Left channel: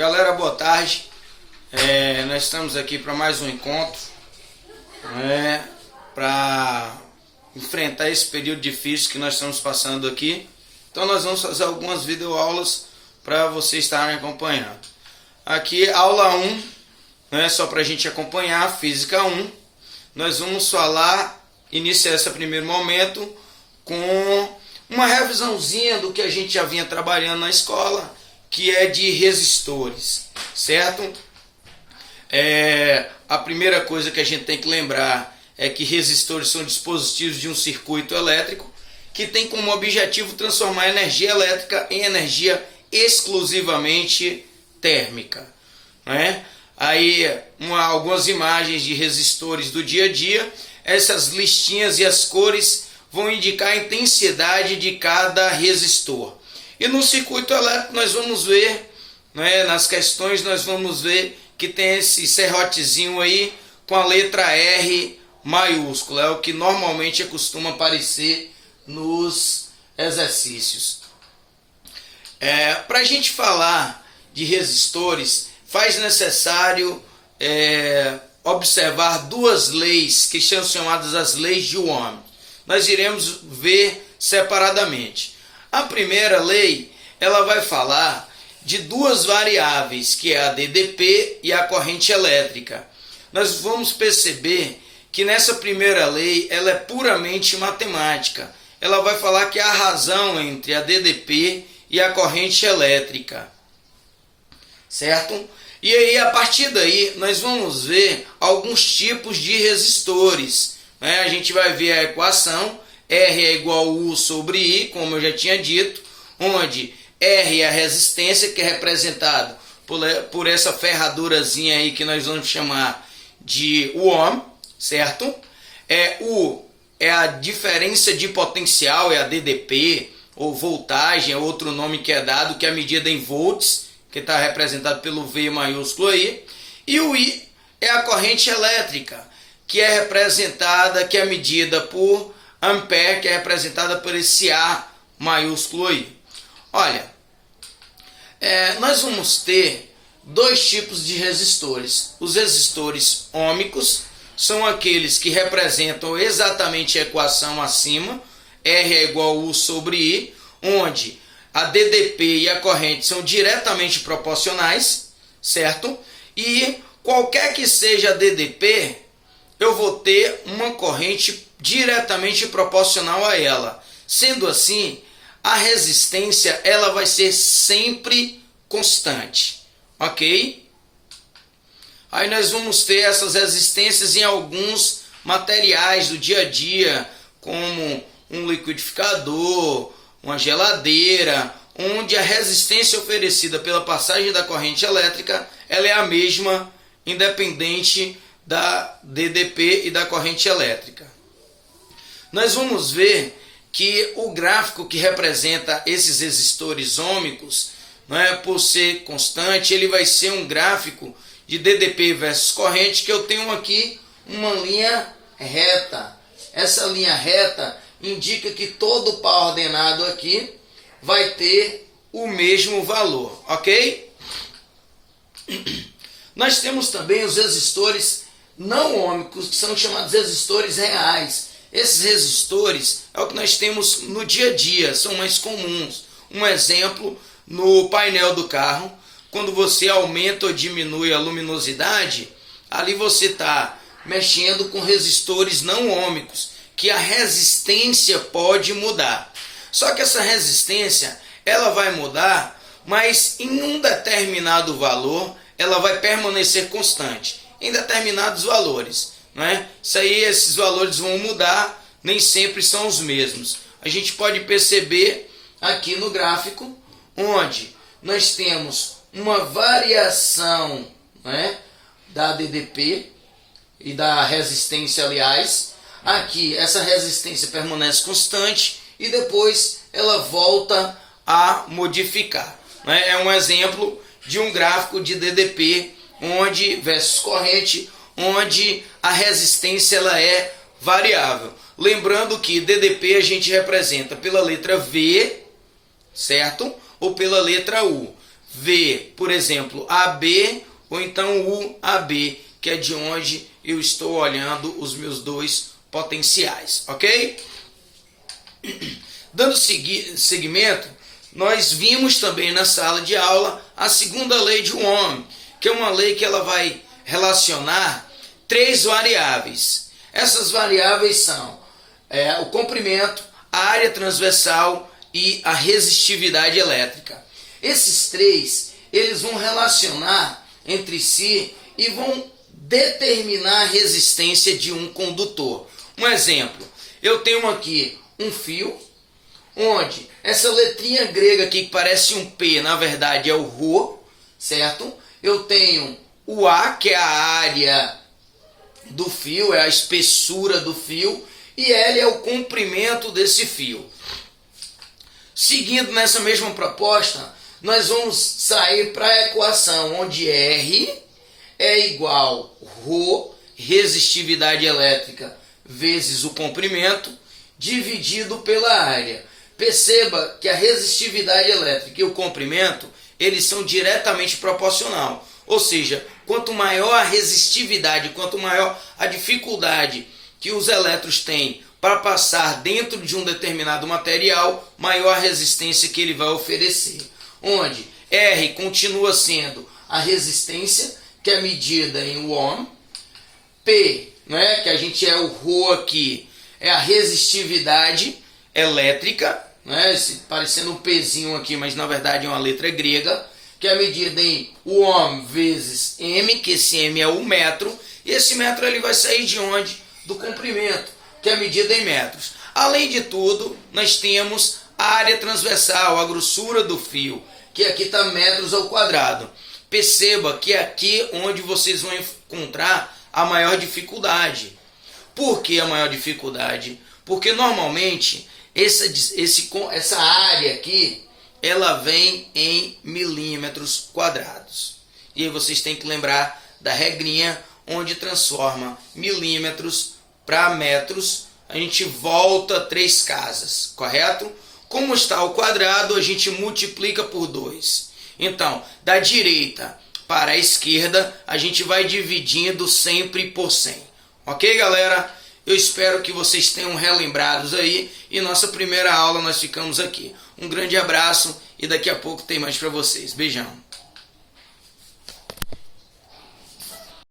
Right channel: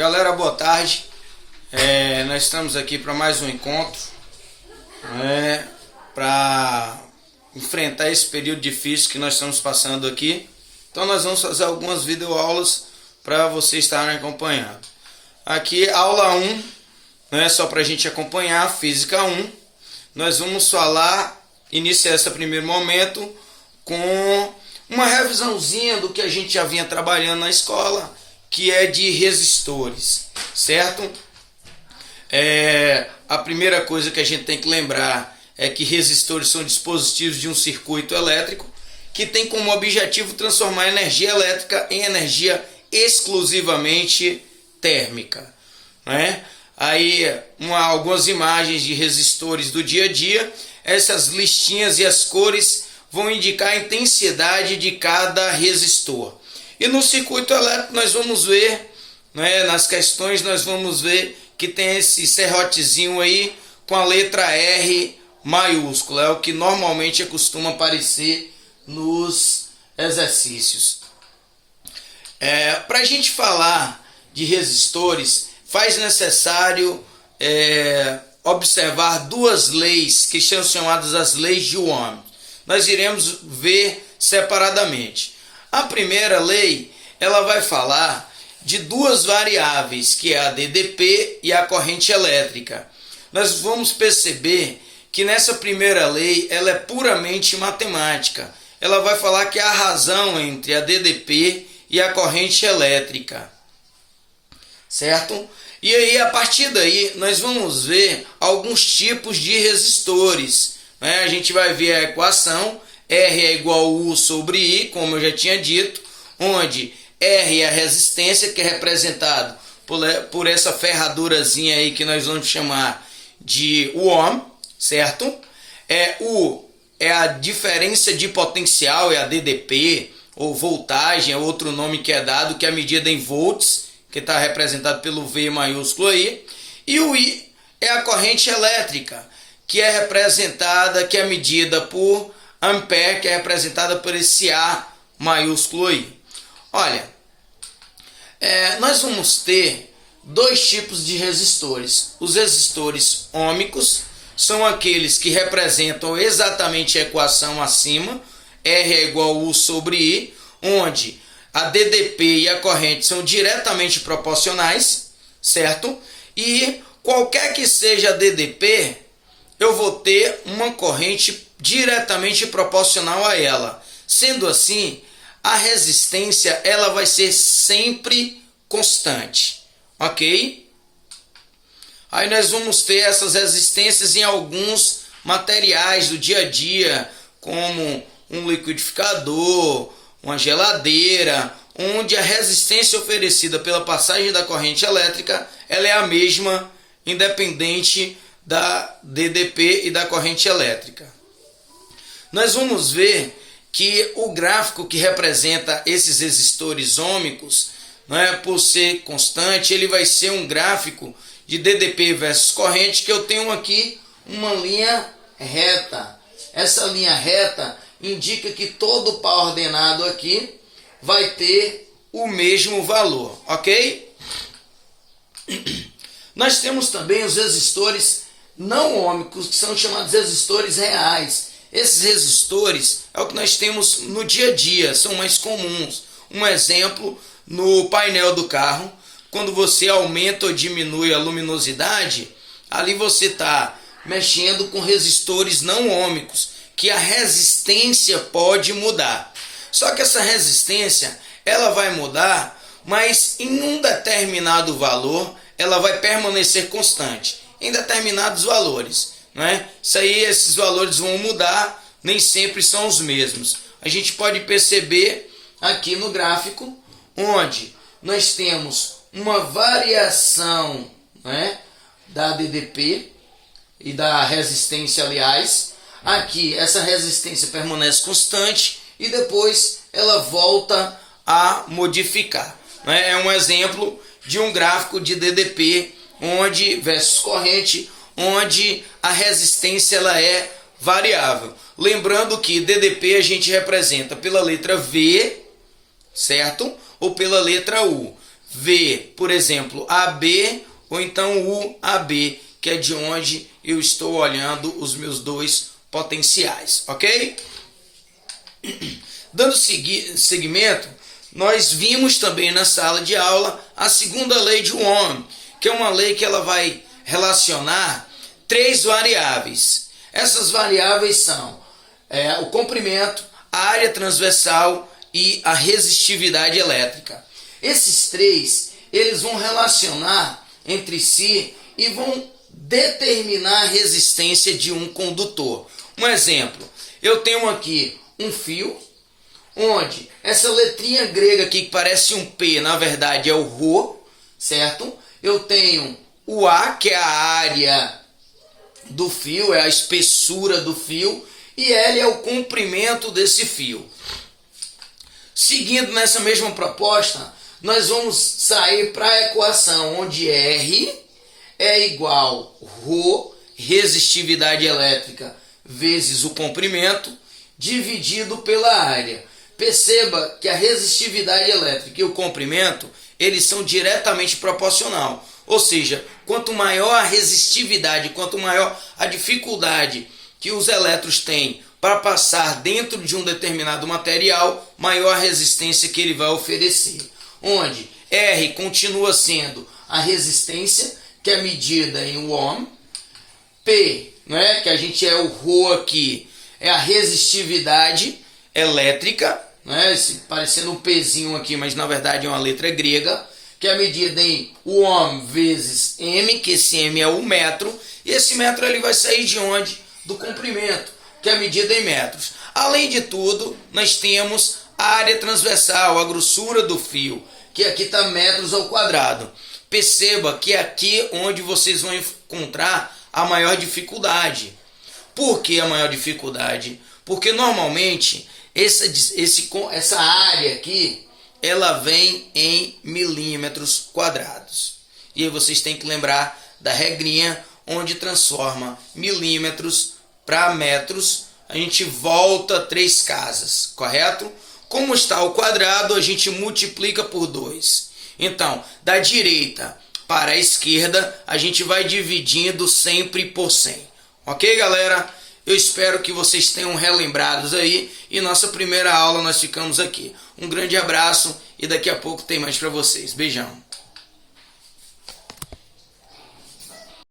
Galera, boa tarde. Nós estamos aqui para mais um encontro, para enfrentar esse período difícil que nós estamos passando aqui. Então nós vamos fazer algumas videoaulas para vocês estarem acompanhando. Aqui aula 1, só para a gente acompanhar, Física 1. Nós vamos iniciar esse primeiro momento com uma revisãozinha do que a gente já vinha trabalhando na escola, que é de resistores, certo? A primeira coisa que a gente tem que lembrar é que resistores são dispositivos de um circuito elétrico que tem como objetivo transformar energia elétrica em energia exclusivamente térmica, né? Aí algumas imagens de resistores do dia a dia. Essas listinhas e as cores vão indicar a intensidade de cada resistor. E no circuito elétrico nós vamos ver, nas questões nós vamos ver que tem esse serrotezinho aí com a letra R maiúscula. É o que normalmente costuma aparecer nos exercícios. Para a gente falar de resistores, faz necessário observar duas leis que são chamadas as leis de Ohm. Nós iremos ver separadamente. A primeira lei, ela vai falar de duas variáveis, que é a DDP e a corrente elétrica. Nós vamos perceber que nessa primeira lei, ela é puramente matemática. Ela vai falar que há razão entre a DDP e a corrente elétrica, certo? E aí, a partir daí, nós vamos ver alguns tipos de resistores. A gente vai ver a equação R é igual a U sobre I, como eu já tinha dito, onde R é a resistência, que é representado por essa ferradurazinha aí que nós vamos chamar de Ohm, certo? U é a diferença de potencial, é a DDP, ou voltagem, é outro nome que é dado, que é a medida em volts, que está representado pelo V maiúsculo aí. E o I é a corrente elétrica, que é representada, que é medida por ampere, que é representada por esse A maiúsculo aí. Olha, nós vamos ter dois tipos de resistores. Os resistores ôhmicos são aqueles que representam exatamente a equação acima, R é igual a U sobre I, onde a DDP e a corrente são diretamente proporcionais, certo? E qualquer que seja a DDP, eu vou ter uma corrente diretamente proporcional a ela. Sendo assim, a resistência ela vai ser sempre constante, ok? Aí nós vamos ter essas resistências em alguns materiais do dia a dia, como um liquidificador, uma geladeira, onde a resistência oferecida pela passagem da corrente elétrica ela é a mesma, independente da DDP e da corrente elétrica. Nós vamos ver que o gráfico que representa esses resistores ôhmicos, por ser constante, ele vai ser um gráfico de DDP versus corrente, que eu tenho aqui uma linha reta. Essa linha reta indica que todo par ordenado aqui vai ter o mesmo valor, ok? Nós temos também os resistores não ôhmicos, que são chamados resistores reais. Esses resistores é o que nós temos no dia a dia, são mais comuns. Um exemplo, no painel do carro, quando você aumenta ou diminui a luminosidade, ali você está mexendo com resistores não ôhmicos, que a resistência pode mudar. Só que essa resistência ela vai mudar, mas em um determinado valor ela vai permanecer constante, em determinados valores. Esses valores vão mudar, nem sempre são os mesmos. A gente pode perceber aqui no gráfico, onde nós temos uma variação da DDP e da resistência, aliás. Aqui essa resistência permanece constante e depois ela volta a modificar. É um exemplo de um gráfico de DDP versus corrente, onde a resistência ela é variável. Lembrando que DDP a gente representa pela letra V, certo? Ou pela letra U. ver, por exemplo, AB ou então UAB, que é de onde eu estou olhando os meus dois potenciais, ok? Dando seguimento, nós vimos também na sala de aula a segunda lei de Ohm, que é uma lei que ela vai relacionar três variáveis. Essas variáveis são o comprimento, a área transversal e a resistividade elétrica. Esses três, eles vão relacionar entre si e vão determinar a resistência de um condutor. Um exemplo, eu tenho aqui um fio, onde essa letrinha grega aqui que parece um P, na verdade é o Rho, certo? Eu tenho o A, que é a área do fio, é a espessura do fio, e L é o comprimento desse fio. Seguindo nessa mesma proposta, nós vamos sair para a equação onde R é igual Rho, resistividade elétrica, vezes o comprimento, dividido pela área. Perceba que a resistividade elétrica e o comprimento, eles são diretamente proporcional. Ou seja, quanto maior a resistividade, quanto maior a dificuldade que os elétrons têm para passar dentro de um determinado material, maior a resistência que ele vai oferecer. Onde R continua sendo a resistência, que é medida em ohm. P, né, que a gente é o Rho aqui, é a resistividade elétrica, né, parecendo um Pzinho aqui, mas na verdade é uma letra grega, que é medida em ohm vezes m, que esse m é o metro, e esse metro ele vai sair de onde? Do comprimento, que é medida em metros. Além de tudo, nós temos a área transversal, a grossura do fio, que aqui está metros ao quadrado. Perceba que é aqui onde vocês vão encontrar a maior dificuldade. Por que a maior dificuldade? Porque normalmente essa área aqui, ela vem em milímetros quadrados. E aí vocês têm que lembrar da regrinha, onde transforma milímetros para metros, a gente volta 3 casas, correto? Como está ao quadrado, a gente multiplica por 2. Então, da direita para a esquerda, a gente vai dividindo sempre por 100. Ok, galera? Eu espero que vocês tenham relembrados aí. E nossa primeira aula nós ficamos aqui. Um grande abraço e daqui a pouco tem mais para vocês. Beijão.